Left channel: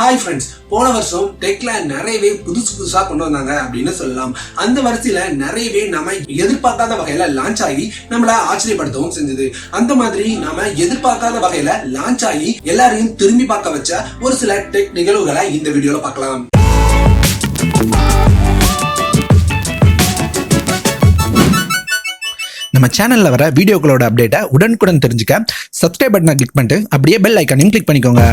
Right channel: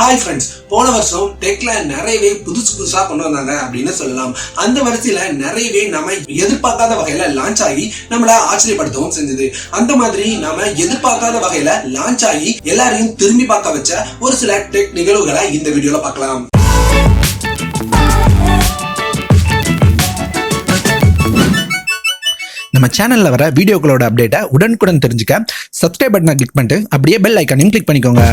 Hi friends, போன வருஷம் டெக்ல நிறையவே புதுசா கொண்டு வந்தாங்க அப்படின்னு சொல்லலாம். அந்த வரிசையில நிறையவே நம்ம எதிர்பார்க்காத வகையில லான்ச் ஆகி நம்மள ஆச்சரியப்படுத்தவும் செஞ்சது. அந்த மாதிரி நாம எதிர்பார்க்காத வகையில லான்ச் ஆகி எல்லாரையும் திரும்பி பார்க்க வச்ச ஒரு சில டெக் நிகழ்வுகளை இந்த வீடியோல பார்க்கலாம். நம்ம சேனல்ல வர வீடியோக்களோட அப்டேட்டை உடனுக்குடன் தெரிஞ்சுக்க சப்ஸ்கிரைப் பட்டனை கிளிக் பண்ணிட்டு அப்படியே பெல் ஐக்கானையும் கிளிக் பண்ணிக்கோங்க.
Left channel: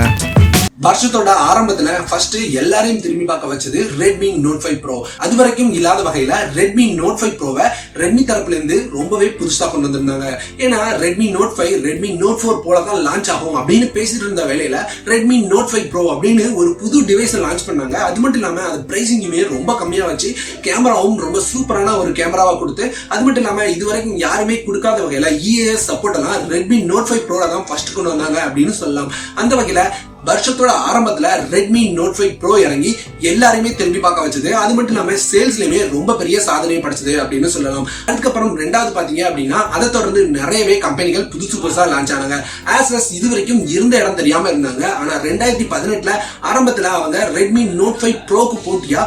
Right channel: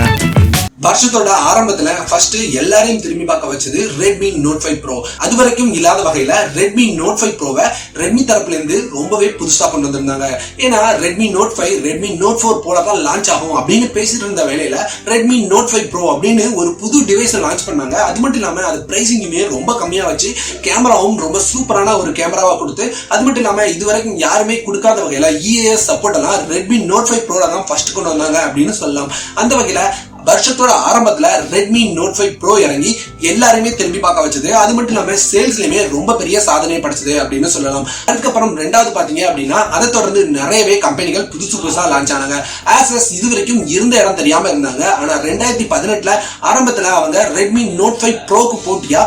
வருஷத்தோட ஆரம்பத்துல ஃபர்ஸ்ட் எல்லாரையும் திரும்பி பார்க்க வச்சது Redmi Note 5 Pro. அது வரைக்கும் இல்லாத வகையில Redmi Note 5 Pro-வை Redmi தரப்புல இருந்து ரொம்பவே புதுசா கொண்டு வந்திருந்தாங்க. ஏன்னா Redmi Note 5 Redmi Note 4 போல தான் லான்ச் ஆகும் அப்படின்னு பேசிட்டு இருந்த வேலையில Redmi Note 5 Pro அப்படின்னு ஒரு புது டிவைஸ் லான்ச் பண்ணாங்க. அது மட்டும் இல்லாம அது பிரைசிங்குமே ரொம்ப கம்மியா வச்சு கேமராவும் ரொம்ப சூப்பரான ஒரு கேமராவா கொடுத்து, அது மட்டும் இல்லாம இது வரைக்கும் யாருமே கொடுக்காத வகையில EAS சப்போர்ட் எல்லாம் Redmi Note 5 Pro தான் ஃபர்ஸ்ட் கொண்டு வந்தாங்க அப்படின்னு சொல்லலாம். அந்த வகையில வருஷத்தோட ஆரம்பத்துல Redmi Note 5 Pro இறங்கி எல்லாருமே திரும்பி பார்க்க வச்சது. அது மட்டும் இல்லாம சேல்ஸ்லயுமே ரொம்ப பெரிய சாதனை படைச்சது அப்படின்னு சொல்லலாம். அதுக்கப்புறம் ரெண்டாவது பாத்தீங்க அப்படின்னா அதை தொடர்ந்து நிறையவே கம்பெனிகள் புதுசா லான்ச் ஆனாங்க. ஆசஸ் இது வரைக்கும் இருந்த இடம் தெரியாம இருந்தாங்க. ஆனா 2018 ஆரம்பத்துல அவங்க Redmi Note 5 Pro-க்கு போட்டியா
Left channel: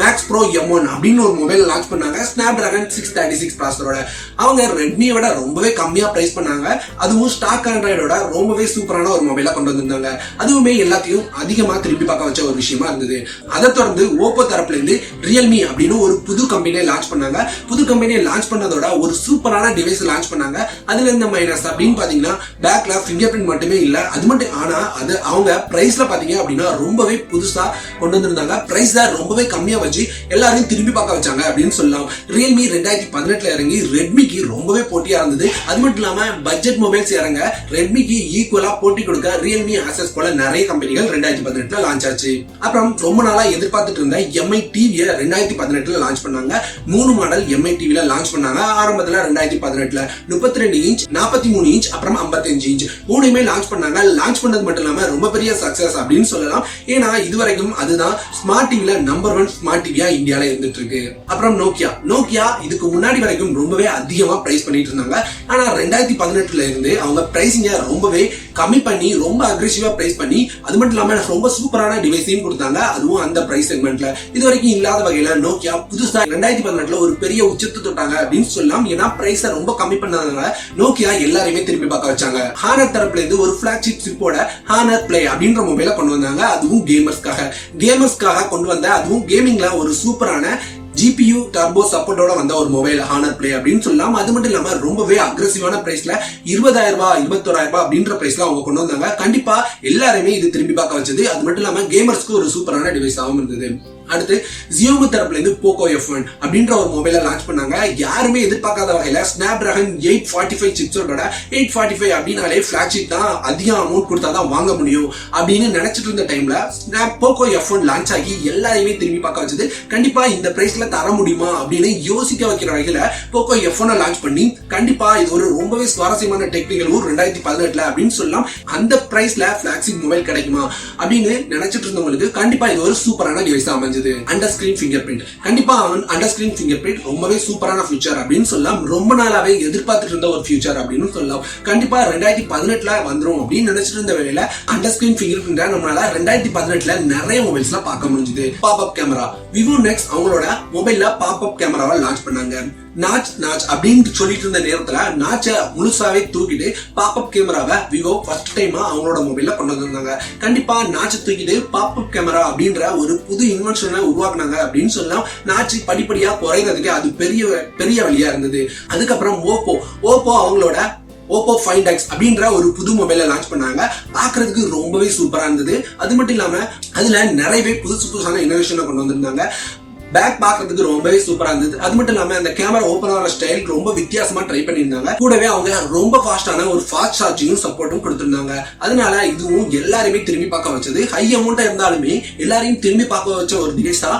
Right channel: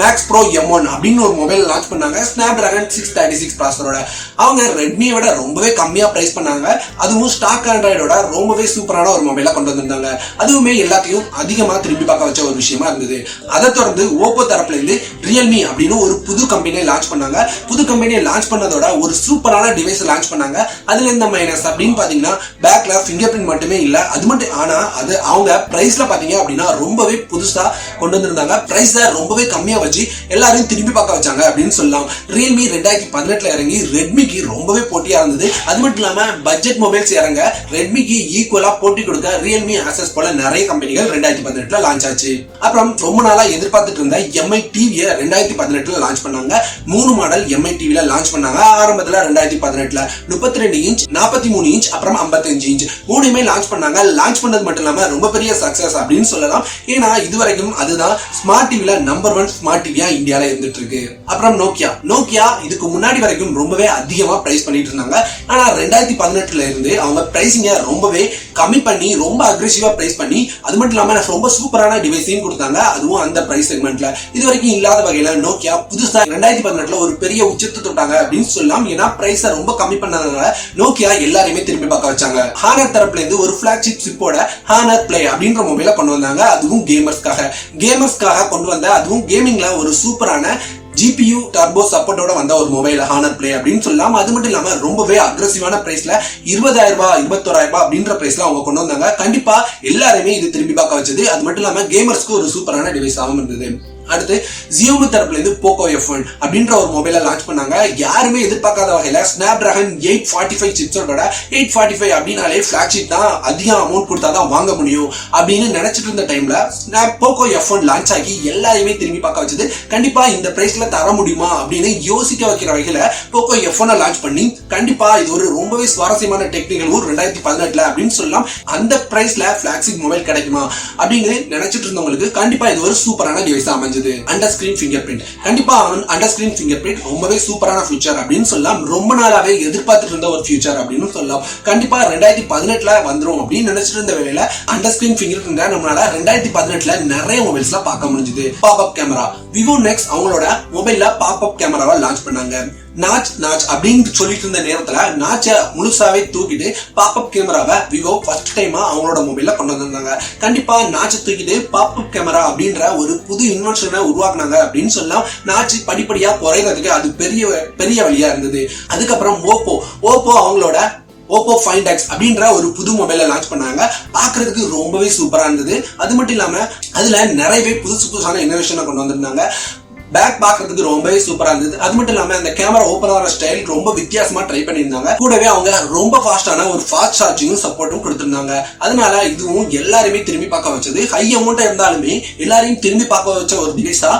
Max Pro M1 அப்படின்னு ஒரு மொபைல் லான்ச் பண்ணாங்க. Snapdragon 636 ப்ராசஸரோட. அவங்க ரெட்மியை விட ரொம்பவே கம்மியா பிரைஸ் பண்ணாங்க. அதுவும் ஸ்டாக் ஆண்ட்ராய்டோட ரொம்பவே சூப்பரான ஒரு மொபைலை கொண்டு வந்திருந்தாங்க. அதுவுமே எல்லாத்தையும் அதிகமா திரும்பி பார்க்க வச்ச ஒரு விஷயமா இருந்தது. அதை தொடர்ந்து Oppo தரப்புல இருந்து Realme அப்படின்னு ஒரு புது கம்பெனியை லான்ச் பண்ணாங்க. புது கம்பெனியை லான்ச் பண்ணதோட ஒரு சூப்பரான டிவைஸ் லான்ச் பண்ணாங்க. அதுல இந்த மைனஸ் அப்படின்னு பாத்தீங்கன்னா பேக்ல ஃபிங்கர் பிரிண்ட் மட்டுமே இல்ல, அது மட்டும் ஆனா அது அவங்க பிரைஸ்ல பாத்தீங்க அப்படின்னா ரொம்பவே புதுசா கொண்டு வந்திருந்தாங்க. பிரைஸ ரொம்பவே கம்மியா வச்சு எல்லாரையும் திரும்பி பார்க்க வச்சாங்க அப்படின்னு சொல்லலாம். Realme 2018 இறங்கி ரெட்மிக்கு ரொம்பவே போட்டியா இருந்தது. அது மட்டும் இல்லாம பட்ஜெட் மொபைல்ஸ் இறங்க ரெட்மிக்கு ஈக்குவலா போட்டி கொடுக்க Realme, Asus போல நிறைய கம்பெனிகள் 2018 லான்ச் ஆச்சு. அப்புறம் ரொம்ப நாளா எதிர்பார்த்துட்டு இருந்த MI டிவியை 2018 லான்ச் பண்ணாங்க. 3 மாடல் MI டிவில லான்ச் பண்ணாங்க. ஆரம்பத்துல 2018 32 இன்ச், 43 இன்ச், அப்புறம் 55 இன்ச் மூணுமே லான்ச் பண்ணாங்க. லான்ச் பண்ணது மட்டும் இல்லாம ரொம்ப பெரிய சக்சஸ் அப்படின்னு சொல்லலாம். ஏன்னா இதுவரைக்கும் அதுதான் ஸ்மார்ட் டிவில நம்பர் 1 ஸ்மார்ட் டிவியா இந்தியால இருந்துட்டு இருக்கு. அப்புறம் நோக்கியா இதுக்கு முன்னாடி வரைக்கும் ரொம்பவே அதிகமா பிரைஸ் பண்ணிட்டு இருந்தாங்க. ஆனா 2018 இருந்து அவங்க பிரைசிங்க ரொம்பவே கம்மி பண்ணி ரொம்ப அக்ரெசிவா பிரைஸ் பண்ணி, அது மட்டும் இல்லாம ரொம்ப சூப்பரான டிவைஸையும் கொடுத்தாங்க. அதுவும் அந்த பிரைஸ் செக்மெண்ட்ல இது வரைக்கும் இல்லாத வகையில நோக்கியா புதுசா 2018 ஒரு பெரிய உச்சத்தை தொட்டாங்க அப்படின்னு சொல்லலாம். ஏன்னா பிரைஸ ரொம்ப கம்மி பண்ணதுனால நோக்கியா எல்லாரையுமே திரும்பி பார்க்க வச்சாங்க. ஹானர் தரப்புல இருந்து ஒரு பிளாக்ஷிப் சிப்போட ஹானர் பிளே அப்படின்ற மொபைலை கொண்டு வந்தாங்க. அதுவும் கேமர்ஸ்க்காக கொண்டு வந்த, அதுவும் கேமிங்ல ஒரு சூப்பரான GPU டர்போ சப்போர்ட்டோட வந்த ஒரு மொபைல் ஹானர் பிளே அப்படின்னு சொல்லலாம். அது மட்டும் இல்லாம ரொம்பவே அக்ரெசிவான பிரைஸ்ல 20,000 ரூபாய் 21,000 ரூபாய் அப்படின்ற பிரைஸ்ல அவங்க கொண்டு வந்தாங்க. கண்டிப்பா எல்லாருமே இது திரும்பி பார்க்க வச்சது. அது மட்டும் இல்லாம கேமர்ஸ்க்கு ஒரு சூப்பரான டிவைஸாகவும் இருந்தது. அடுத்து Xiaomi தரப்புல இருந்து Poco F1 அப்படின்ற ஒரு மொபைலை லான்ச் பண்ணாங்க. யாருமே எதிர்பார்க்காத வகையில Snapdragon 845 சிப்செட்டோட 845 அப்படின்னாலே ஃபிளாக்ஷிப் தான், அதிக அமௌண்ட் கொடுத்தா தான் வாங்க முடியும் அப்படின்னு நினைச்சிட்டு இருந்த டைம்ல Poco F1 லான்ச் ஆகி எல்லாரையுமே திரும்பி பார்க்க வச்சது. கண்டிப்பா இந்த பிரைஸ்ல தர முடியுமா அப்படின்னு யோசிக்க வைக்கிற வகையில Poco F1 லான்ச் பண்ணி, கண்டிப்பா இது ஒரு ரொம்பவே சுவாரஸ்யமான டெக்னிக்கல் 2018 அப்படின்னு சொல்லலாம். அந்த பிரைஸ்ல ஃபிளாக்ஷிப் மொபைல் கிடைக்குமா அப்படின்னு நினைச்சிட்டு இருந்தவங்களுக்கு கண்டிப்பா இது ஒரு சூப்பரான டிவைஸ் அமைஞ்சது. Under screen finger print. கண்டிப்பா அண்டர் ஸ்கிரீன் ஃபிங்கர் பிரிண்ட் ரொம்பவே சூப்பரான ஃபியூச்சர் அப்படின்னு சொல்லலாம். ரொம்ப நாளாவே எதிர்பார்த்துட்டு இருந்த ஒரு ஃபியூச்சர் அப்படின்னு சொல்லலாம். கண்டிப்பா 2018 வந்துரும் அப்படின்னு நினைச்சிட்டு இருந்த வேலையில அண்டர் ஸ்கிரீன் ஃபிங்கர் பிரிண்ட் நம்மளால 2018 நிறைய மொபைல்ஸ்ல பார்க்க முடிஞ்சது. Pop-up camera. விவோ நெக்ஸ்ட் அவங்களோட மொபைல்ல பாப்அப் கேமராவை லான்ச் பண்ணாங்க. நாச் அப்படின்னு சொல்லிட்டு இருந்த நேரத்துல நாச்சை முழுசாவே தூக்கிட்டு பாப்அப் கேமராவை விவோ ஃபர்ஸ்ட் டைமா அவங்களோட மொபைல்ல கொண்டு வந்திருந்தாங்க. கண்டிப்பா நாச்சை தூக்கிட்டு பாப்அப் கேமரா அப்படின்ற ஒரு புது இன்வென்ஷனை உருவாக்குனாங்க அப்படின்னு சொல்லலாம். நாச்சு படிப்படியா குறைகிறதுக்கு அது பெரிய வழியா இருந்தது. அதுக்கப்புறம் ஓப்போ அவங்களோட Oppo Find X அப்படின்ற ஒரு புது மொபைலை லான்ச் பண்ணாங்க. பார்க்கறதுக்கு ரொம்பவே சூப்பரா இருந்தது. அது மட்டும் இல்லாம அதுல நிறையவே புதுசான இன்னோவேஷனை கொண்டு வந்திருந்தாங்க. பேக் பார்க்கறதுக்கு ரொம்பவே சூப்பரா இருந்தது. அது மட்டும் இல்லாம அந்த கேமரா ஓபன் ஆகிற ஸ்டைல் ரொம்ப வித்தியாசமா ட்ரை பண்ணியிருந்தாங்க. கூடவே அவங்க ரொம்ப ஃபாஸ்டான ஒரு ஃபாஸ்ட் சார்ஜிங்கும் சப்போர்ட்டும் கொடுத்திருந்தாங்க. அதனால இதுவும் எல்லாருமே திரும்பி பார்க்க வச்சது. ஹை அமௌண்டா இருந்தாலுமே எல்லாரையும் திரும்பி பார்க்க வச்ச ஒரு டிவைஸா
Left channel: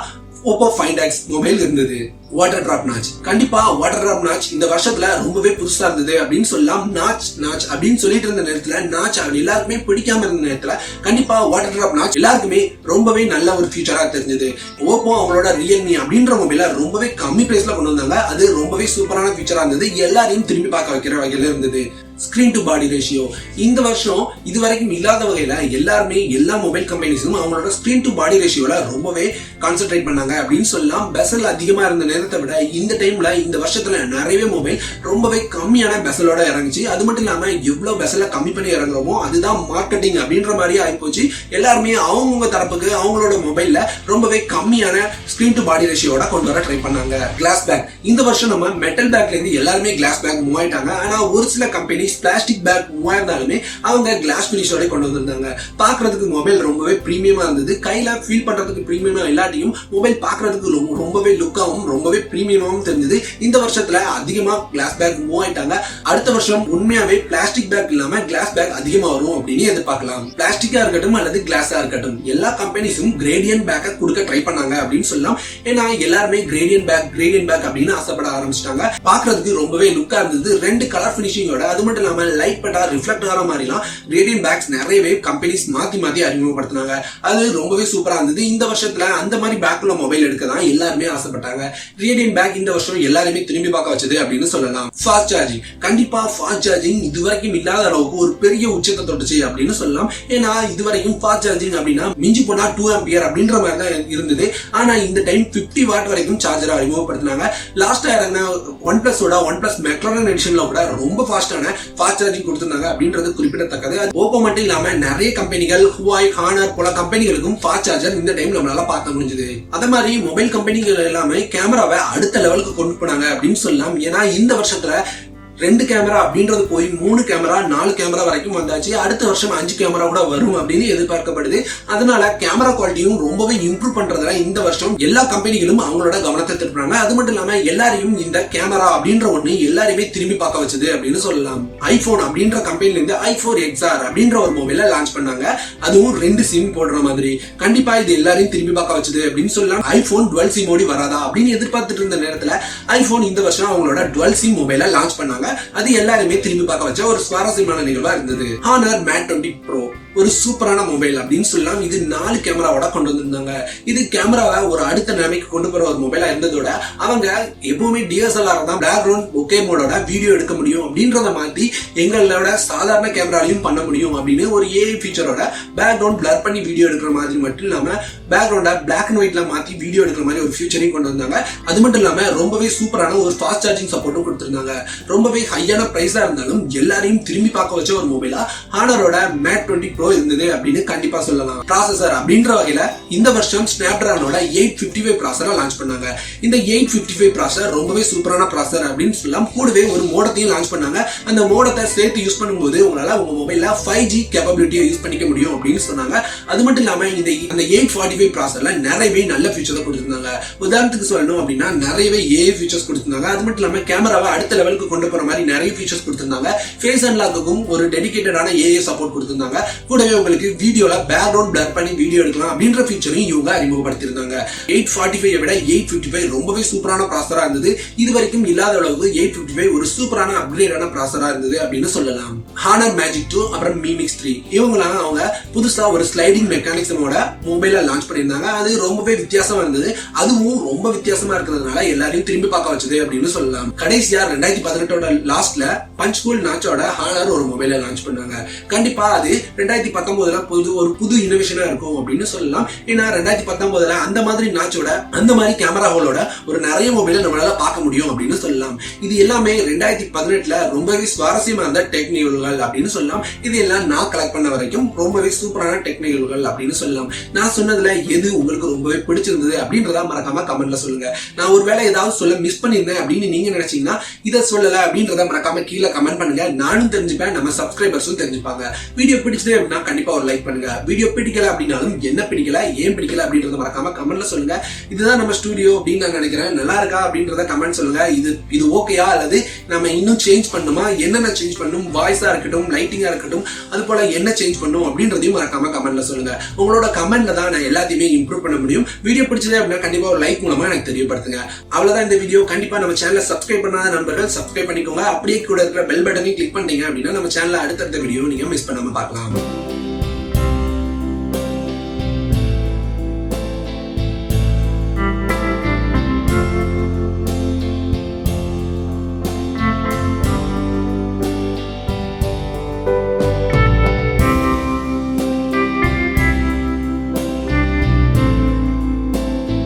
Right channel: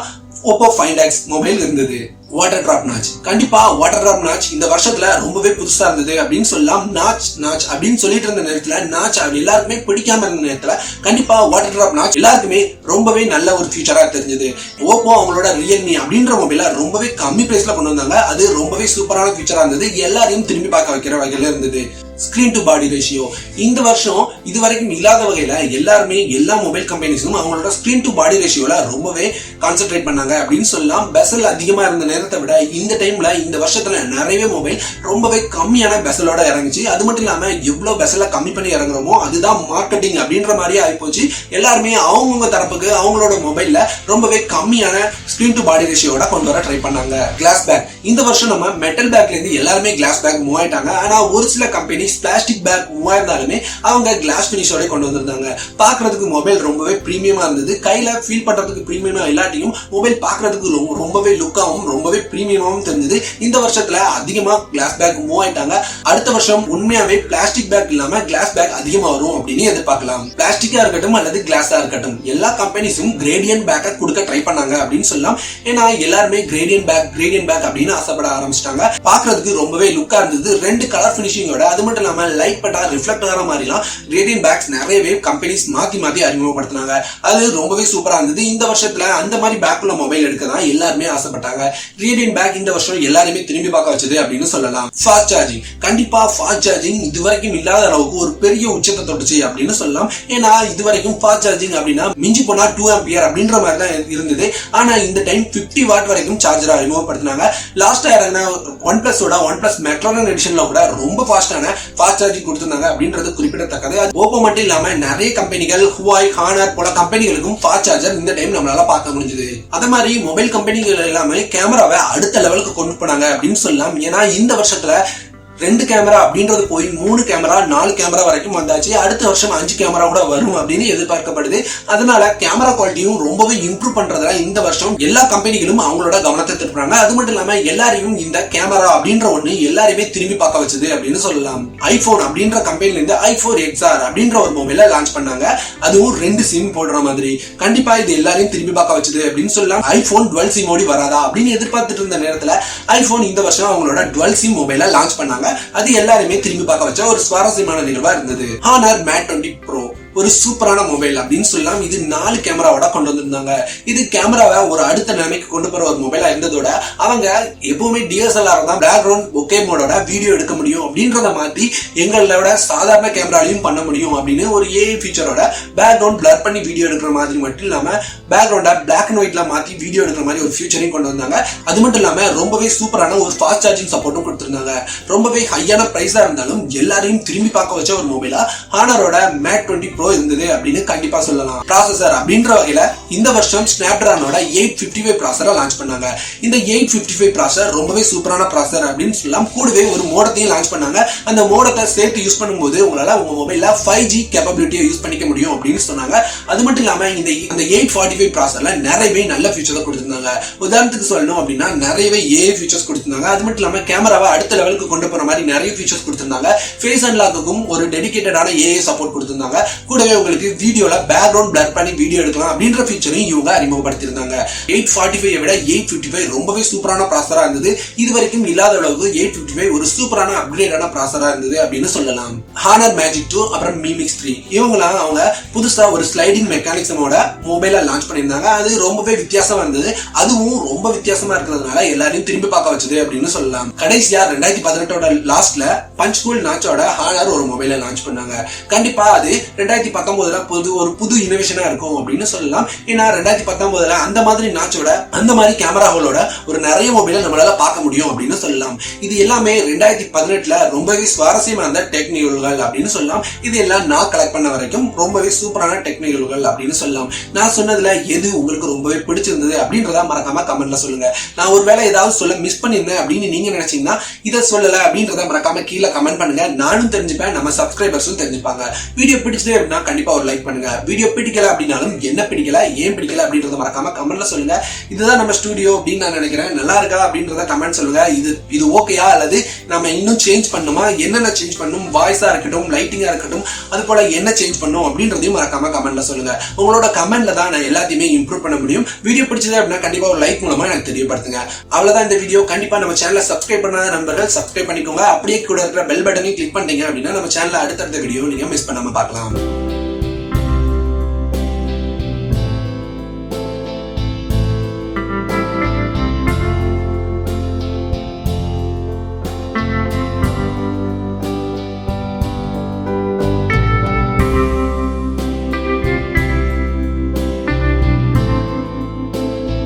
Oppo Find X மொபைல் இருந்தது. Water drop notch. கண்டிப்பா வாட்டர் டிராப் நாச் இந்த வருஷத்துல ரொம்பவே புதுசா இருந்தது அப்படின்னு சொல்லலாம். நாச் அப்படின்னு சொல்லிட்டு இருந்த நேரத்துல நாச் எல்லாருக்குமே பிடிக்காம இருந்த நேரத்துல கண்டிப்பா வாட்டர் டிராப் நாச் எல்லாருக்குமே ரொம்பவே நல்ல ஒரு ஃபீச்சரா தெரிஞ்சது. ஓப்போ அவங்களோட Realme அப்படின்ற மொபைல ரொம்பவே கம்மி பிரைஸ்ல கொண்டு வந்தாங்க. அது ரொம்பவே சூப்பரான ஃபீச்சரா இருந்தது. எல்லாரையும் திரும்பி பார்க்க வைக்கிற வகையில இருந்தது. Screen to body ratio. இந்த வருஷம் இதுவரைக்கும் இல்லாத வகையில எல்லாருமே எல்லா மொபைல் கம்பெனிஸும் அவங்களோட ஸ்கிரீன் டு பாடி ரேஷியோல ரொம்பவே கான்சென்ட்ரேட் பண்ணாங்க அப்படின்னு சொல்லலாம். பெசல் அதிகமா இருந்த நேரத்தை விட இந்த டைம்ல இந்த வருஷத்துல நிறையவே மொபைல் ரொம்பவே கம்மியான பெசலோட இறங்குச்சு. அது மட்டும் இல்லாம எவ்வளவு பெசல கம்மி பண்ணி இறங்குறோமோ அதுதான் மார்க்கெட்டிங் அப்படின்ற மாதிரி ஆயிப்போச்சு. எல்லாருமே அவங்கவுங்க தரப்புக்கு அவங்களோட மொபைல்ல ரொம்பவே கம்மியான ஸ்கிரீன் டு பாடி ரேஷியோட கொண்டு வர ட்ரை பண்ணாங்க. Class back. இந்த வருஷம் நம்ம மெட்டல் பேக்ல இருந்து எல்லாருமே கிளாஸ் பேக் மூவ் ஆயிட்டாங்க. ஆனா ஒரு சில கம்பெனிஸ் பிளாஸ்டிக் பேக் மூவ் ஆயிருந்தாலுமே அவங்க கிளாஸ் பினிஷோட கொண்டு வந்திருந்தாங்க. பாக்குறதுக்கு மொபைல் ரொம்பவே பிரீமியமா இருந்தது. கையில ஃபீல் பண்றதுக்கு பிரீமியமா இல்லாட்டியும் மொபைல் பாக்குறதுக்கு ரொம்பவே லுக்காவும் ரொம்பவே பிரீமியமாவும் தெரிஞ்சது. இந்த வருஷத்துல அதிகமா கிளாஸ் பேக் மூவ் ஆயிட்டாங்க. அடுத்த வருஷம் உண்மையாவே பிளாஸ்டிக் பேக் இல்லாம கிளாஸ் பேக் அதிகமா வரும் அப்படின்னு எதிர்பார்க்கலாம். பிளாஸ்டிக்கா இருக்கட்டும் அல்லது கிளாஸா இருக்கட்டும் எல்லா கம்பெனிஸும் கிரேடியன்ட் பேக்கை கொடுக்க ட்ரை பண்ணாங்க அப்படின்னு சொல்லலாம். ஏன்னா எல்லாருமே கிரேடியன்ட் பேக் அப்படின்னு ஆசைப்பட ஆரம்பிச்சிட்டாங்க. பாக்குறதுக்கு ரொம்பவே லுக்கா இருந்தது. 2 கலர் பினிஷிங்கோட. அது மட்டும் இல்லாம லைட் பட்டா ரிஃப்ளெக்ட் ஆகிற மாதிரிலாம் கிரேடியன்ட் பேக்ஸ் நிறையவே கம்பெனிஸ் மாத்தி அறிமுகப்படுத்தினாங்க. அது ரொம்பவே சூப்பரா இருந்தது. இந்த வருஷத்துல அந்த மாதிரி பேக் உள்ள மொபைல் எடுக்க தான் எல்லாருமே ஆசைப்பட்டாங்க. கிரேடியன்ட் பேக் இந்த வருஷம் எல்லாருமே திரும்பி பார்க்க வச்சது அப்படின்னு சொல்லலாம். Fast charging. கண்டிப்பா ஃபாஸ்ட் சார்ஜிங் இதுவரைக்கும் இல்லாத அளவுக்கு ஒரு பெரிய உச்சத்தை தொட்டுச்சு அப்படின்னு சொல்லலாம். ஏன்னா இதுவரைக்கும் ஃபாஸ்ட் சார்ஜிங் அப்படின்னா மிஞ்சி போனா 2 ஆம்பியர் அப்படின்ற மாதிரி தான் இருந்தது. ஆனா இந்த டைம் 50 வாட் வரைக்கும் சார்ஜர் அறிமுகப்படுத்தினாங்க. லாஸ்டா இறங்கின ஒன் பிளஸ் மெக்லாரன் எடிஷன்ல கூட ரொம்ப ஃபாஸ்டான ஃபாஸ்ட் சார்ஜிங் கொடுத்திருந்தாங்க அப்படின்றது குறிப்பிடத்தக்கது. ஓப்போ மட்டும் இல்லாம நிறைய கம்பெனிகள் ஹுவாய், ஹானர் போல கம்பெனிகளுக்கும் ஃபாஸ்ட் சார்ஜர் இந்த டைம் நம்மளால பார்க்க முடிஞ்சது. அதே மாதிரி மொபைல் கம்பெனிகள் எல்லாமே கேமராவை அடுத்த லெவலுக்கு கொண்டு போனாங்க அப்படின்னு சொல்லலாம். ஏன்னா இந்த வருஷத்துல 2 கேமரா அப்படின்றது போய் 3 கேமரா 4 கேமரா வரைக்கும் வந்தாச்சு. அடுத்த வருஷம் 5 கேமரா கூட வரும் அப்படின்னு எதிர்பார்க்கப்படுது. அதனால கேமரா குவாலிட்டியும் ரொம்பவே இம்ப்ரூவ் பண்றதுல இந்த வருஷம் எல்லா கம்பெனிகளும் அவங்களோட கவனத்தை திருப்புறாங்க. அது மட்டும் இல்லாம எல்லாரையும் இந்த கேமரா அப்படின்ற ஒண்ணு எல்லாரையுமே திரும்பி பார்க்க வச்சது அப்படின்னு சொல்லலாம். ஐபோன் அப்படின்ற கம்பெனில இருந்து i4 XR அப்படின்ற ஒரு மொபைலை லான்ச் பண்ணாங்க. அதுவும் 2 சிம் போடுற மாதிரி. கண்டிப்பா இது எல்லாரையும் திரும்பி பார்க்க வச்சது அப்படின்னு சொல்லலாம். ஐபோன் டுவல் சிம் மோடி வராதா அப்படின்னு எதிர்பார்த்துட்டு இருந்த நேரத்துல ஐபோன் இந்த வருஷம் அவங்களோட டுவல் சிம் மொபைலை லான்ச் பண்ணாங்க. அது எல்லாருமே திரும்பி பார்க்க வச்ச ஒரு சுவாரஸ்யமான நிகழ்வா இருந்தது. ஹானர் மேட் 20 Pro ஒரு சூப்பரான மொபைல் அப்படின்னு சொல்லலாம். இது 4 கேமராவோட கொண்டு வந்திருந்தாங்க. இது கேமராவை ஒரு அடுத்த நிலைமைக்கு கொண்டு போற ஒரு மொபைலா இருந்ததோட அவங்க எப்பவுமே DSLR தான் பேக்ரவுண்ட் பொக்கே மோடோட வீடியோ எடுக்க முடியும் அப்படின்றத மாத்தி எங்களோட சாதாரண கேமராலையும் பண்ண முடியும் அப்படின்னு ஒரு AI ஃபீச்சரோட பேக்ரவுண்ட் பிளர் பண்ணி வீடியோ எடுக்கிற மாதிரி மட்டும் இல்லாம பேக்ரவுண்டை பிளாக் அண்ட் ஒயிட்ல மாத்தி வீடியோ எடுக்கிற மாதிரி ஒரு ஃபியூச்சரையும் கொண்டு வந்தாங்க. அது மட்டும் இல்லாம ரொம்பவே சூப்பரான ஒரு ஃபாஸ்ட் சார்ஜிங் சப்போர்ட்டும் கொடுத்திருந்தாங்க. ரொம்பவே ஹையான பிரைஸா இருந்தாலும் எல்லாரையும் திரும்பி பார்க்க வச்ச ஒரு மொபைலா ஹானரோட மேட் 20 Pro இருந்தது அப்படின்னு கண்டிப்பா சொல்லலாம். ப்ராசஸர் அப்படின்ற வகையில இந்த வருஷம் ஸ்னாப்டிராகனோட 855 ப்ராசஸரை லான்ச் பண்ணாங்க. இந்த 855 ப்ராசஸர் ரொம்பவே சூப்பரான ப்ராசஸர் அப்படின்னு சொல்லலாம். கூடவே ஒரு மோடத்தையும் லான்ச் பண்ணாங்க. அந்த மோடத்தை சேர்த்து யூஸ் பண்ணும்போது உங்களால உங்க மொபைல்ல 5G கேப்பபிலிட்டியை யூஸ் பண்ணிக்க முடியும் அப்படின்னு சொன்னாங்க. அது மட்டும் இல்லாம இந்த 845 ப்ராசஸர்ல நிறையவே நல்ல ஃபீச்சர்ஸ் கொடுத்திருந்தாங்க. உதாரணத்துக்கு சொல்லணும் அப்படின்னா நிறையவே AI ஃபீச்சர்ஸ் கொடுத்திருந்தாங்க. அது மட்டும் இல்லாம கேமராவை அடுத்த லெவலுக்கு கொண்டு போற மாதிரி நிறைய ஃபீச்சர்ஸ் கொடுத்திருந்தாங்க. ஃபேஸ் அன்லாக்குக்கும் ஒரு டெடிகேட்டடான AI சப்போர்ட் கொடுத்திருந்தாங்க. கூடவே உங்களுக்கு வீடியோல பேக்ரவுண்ட் பிளர் பண்ணி வீடியோ எடுக்கலாம் அப்படின்ற ஃபீச்சரையும் இவங்க அறிமுகப்படுத்தியிருந்தாங்க. 845 விட 855 ரொம்பவே சூப்பரான ப்ராசஸரா இருந்தது. இது வரைக்கும் இல்லாத அளவுக்கு 855 ஒரு சூப்பரான அப்கிரேடான ப்ராசஸரா இருந்தது அப்படின்னு சொல்லலாம். ஹானர் மேஜிக் 2 அப்புறம் மீமிக்ஸ் 3 இவங்களாம் அவங்க புதுசா ஒரு ஸ்லைடிங் மெக்கானிசமோட மொபைலை லான்ச் பண்ணியிருந்தாங்க. அது ரொம்பவே வித்தியாசமா இருந்தது. அதுவும் ரொம்ப வித்தியாசமா இருக்கிறதுனால எல்லாரையும் திரும்பி பார்க்க வச்சது அப்படின்னு சொல்லலாம். கடைசியா 2018 லாஸ்ட்ல பஞ்ச் கூல் நாச்சோட ஹானர் ஒரு மொபைலை லான்ச் பண்ணாங்க. கண்டிப்பா அது 2019 ஒரு புது இனோவேஷனா இருக்கும் அப்படின்னு சொல்லலாம். ஏன்னா 2019 அந்த மாதிரி நாச்சோட அந்த மாதிரி கேமராகளோட ஒரு நிறைய மொபைலை நம்மளால பார்க்க முடியும் அப்படின்னு சொல்லலாம். இது எல்லாமே 2018 ரொம்பவே சுவாரஸ்யமா இருந்த டெக்னிக்கல்கள் அப்படின்னு சொல்லலாம். இது எல்லாம் நான் கலெக்ட் பண்ண வரைக்கும் ரொம்பவே சூப்பரான டெக்னிக்கல்கள் அப்படின்னு சொல்லலாம். நான் சொன்னதுல எது உங்களுக்கு ரொம்பவே பிடிச்சிருந்தது அப்படின்றத மறக்காம கமெண்ட்ல சொல்லுங்க. நான் ஒருவேளை ஏதாவது சொல்ல மிஸ் பண்ணிருந்தேன் அப்படின்னு நீங்க நினைச்சீங்கன்னா இதை சொல்லல அப்படின்றத மறக்காம கீழே கமெண்ட் பண்ணுங்க. நானும் தெரிஞ்சுப்பேன், நம்ம சப்ஸ்கிரைபர்ஸும் தெரிஞ்சுப்பாங்க. வீடியோ பிடிச்சது அப்படின்னா கண்டிப்பா ஒரு லைக் பண்ணுங்க. வீடியோ பிடிக்கல அப்படின்னாலும் என்ன பிடிக்கல ஏன் பிடிக்கல அப்படின்றத மறக்காம கமெண்ட்ல சொல்லுங்க. இதுதான் நம்ம ஸ்டுடியோ அப்படின்னு நான் நினைக்கிறேன். நல்லா இருக்கா அப்படின்றத கமெண்ட் சொல்லுங்க. இது ஓகேயா அல்லது நம்ம இன்னும் சேஞ்ச் பண்ணுமா, என்னென்ன சேஞ்ச் பண்ணும், வாய்ஸா இருக்கட்டும், லைட்டிங்கா இருக்கட்டும், அது போல என்ன சேஞ்ச் பண்ணும் அப்படின்றதையும் மறக்காம கமெண்ட்ல சொல்லுங்க. உங்களோட கமெண்ட்ல தான் நான் எல்லாத்தையுமே இம்ப்ரூவ் பண்ண முடியும். வீடியோ பிடிச்சது அப்படின்னா கண்டிப்பா ஒரு லைக் மூலமா எனக்கு தெரியப்படுத்துங்க. அவ்வளவுதான் இந்த வீடியோ. கண்டிப்பா நம்ம சேனலை சப்ஸ்கிரைப் பண்ணாத நண்பர்கள் சப்ஸ்கிரைப் பண்ணிக்கோங்க. அப்படியே கூட இருக்கிற பெல் பட்டனையும் கிளிக் பண்ணீங்க அப்படின்னா நம்ம சேனல்ல அடுத்தடுத்த வீடியோ நீங்க மிஸ் பண்ணாம பார்க்கலாம்.